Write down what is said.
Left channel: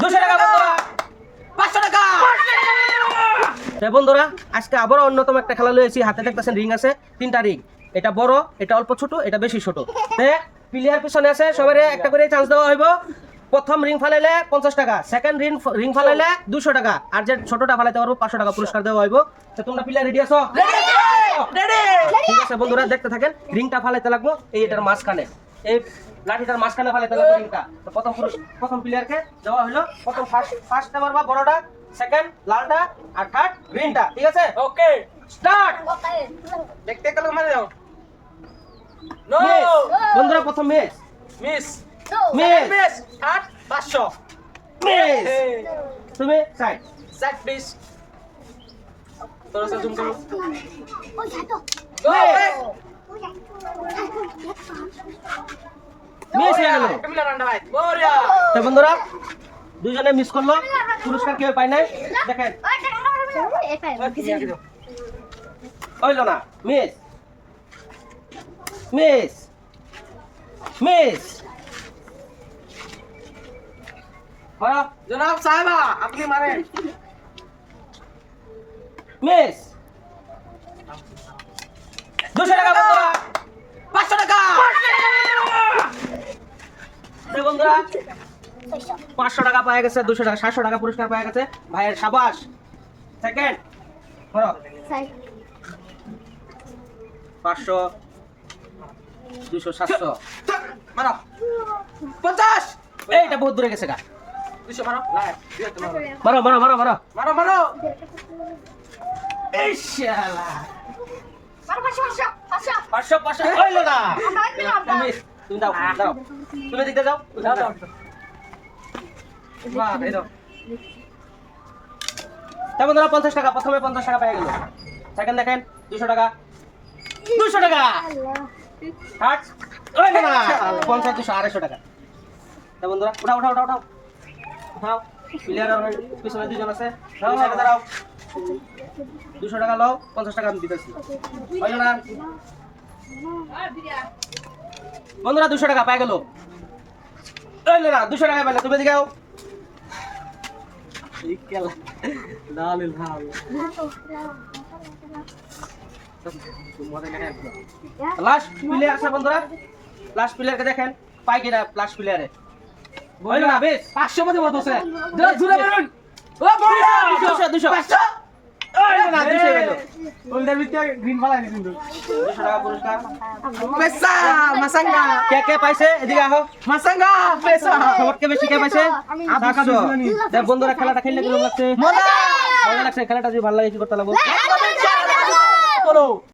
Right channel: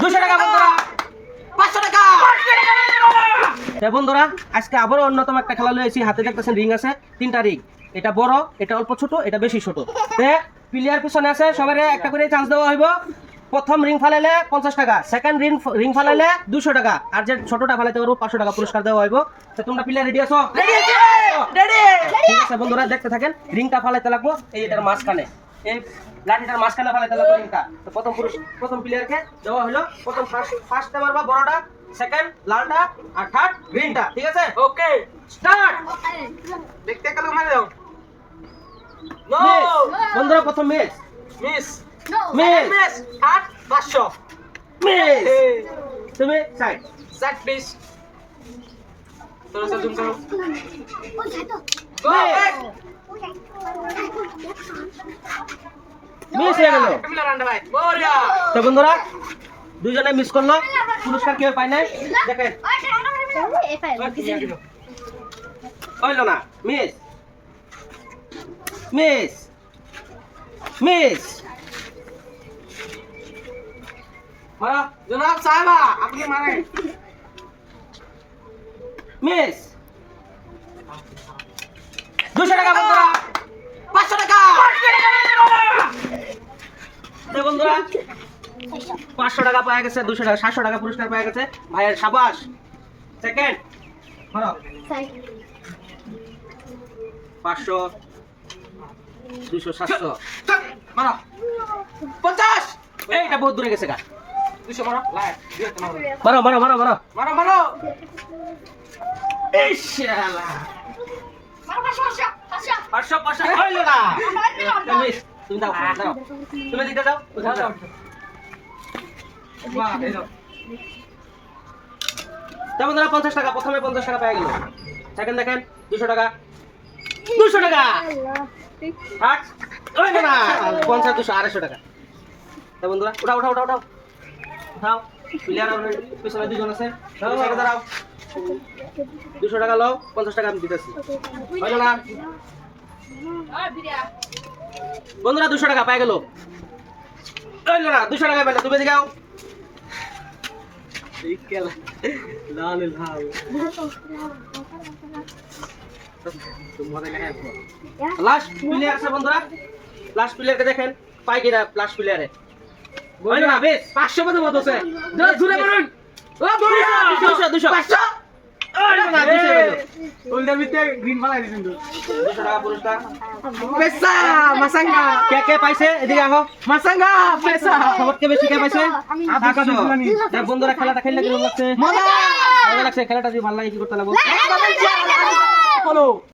200 টাকা বন্ধুরা, 500 টাকা। বন্ধুরা আজকে আবারও অন্যতম একটা খেলা লয়েছি। হাতে দেখতেছেন রিং আছে, 3টা রিং। এটা বড়, এটা অল্প ছোট, এটা বেশি ছোট। প্লেয়ার পিছনে আছে, সবারে একটা করে চান্স দেওয়া হইব। প্রথম রিং ফালাইলে 50 টাকা, সেকেন্ড রিং ফালাইলে 200 টাকা, আর যে ছোটটা ফালাইতে পারবো 500 টাকা পুরস্কার দেওয়া হইব। তো তোমরা প্লেয়ার রেডি আছো? রেডি। ঠিক আছে বন্ধুরা, দেখতে থাকেন। রিংটা ফালাইতে লাগবো এই এটার মাঝখানে, এই লাঠিটার মাঝখানে ফালাইতে লাগবো রিংটা। তো প্রথম প্লেয়ারকে দেওয়া হলো। প্রথম ফার্স্ট মারবা বড়টা, সেকেন্ড লালটা, আর থার্ড গ্রিনটা। ঠিক আছে, ওকে স্টার্ট। দেখতে কালো মারে দাও। নো বন্ধুরা, প্রথম মিস মিস মিস 8 500 মিস। তুমি সাইড মিস। তোরা জুম করো। গো মিস হয়ে গেল। মিলা রান্ডা ভাই বড়িয়া। তো বন্ধুরা দুইজনে মিস করলো, পুরস্কার কেউ পায় না। দেখেন হইলো না। Miss miss miss. হ্যাঁ জনাব সাহেবা, আপনি মারেন। মিস 200 টাকা বন্ধুরা, 500 টাকা। বন্ধুরা 500 টাকা পাওয়া গেছে, 200 টাকা, 700 টাকা পুরস্কার পাওয়া গেছে ভাইয়ের। সাবাস। সেকেন্ড ধরো 500 200 700 মারো 50। এইটা বহুত দূরে গেছে গা। 200 মারো, মারো মারো মারো মারো মারো মারো। এই শালা মারো 500 500 হইলো না। তুমি দাও দাও, তুমি দিতে যাও যাও যাও। বাহ এই দাও। তা বন্ধুরা 50 টাকা, প্রথমে 50 টাকা পেয়ে গেল। সেকেন্ড দেখেন 200 টাকা 200 টাকা। হাট হইলো না। 50 200 250 টাকা। তা বন্ধুরা উঠাও উঠাও উঠাও উঠাও উঠাও। প্লেয়ার পিছনে দুজন আছে, দাও সাইডে দাঁড়াও। 200 টাকা লও, 50 টাকা আমি দিতেছি। হইলো না বন্ধুরা, 200 টাকা পেয়ে গেল। হইলো না, 200 টাকা পেলে। তুমি দিগাও। লাস্ট প্লেয়ার আছে বন্ধুরা, লাস্ট প্লেয়ারকে দেখেন পাই কিনা। লাস্ট প্লেয়ারে বইলো না, বেশ 500 মতো মত আছে। জুড়ে মারুন। ও বড়িয়া 200 200 500। ওইলো না 200 গেল। ওইটার ভিতরে গ্রিন ফালাই দিছেন। 200 টাকা পুরস্কার। পয়সা মাসাঙ্গা কে কে পাইছে? এদিকে আহো। মাসাঙ্গা পয়সা সবকে বেশি কে পাইছে? টাকা বেশি জানি। দেখ বন্ধুরা খেলাটা খেললে কেমন লাগছে? মজা লাগছে। খেলাটা যদি ভালো লাগে কি করতে লাগবে?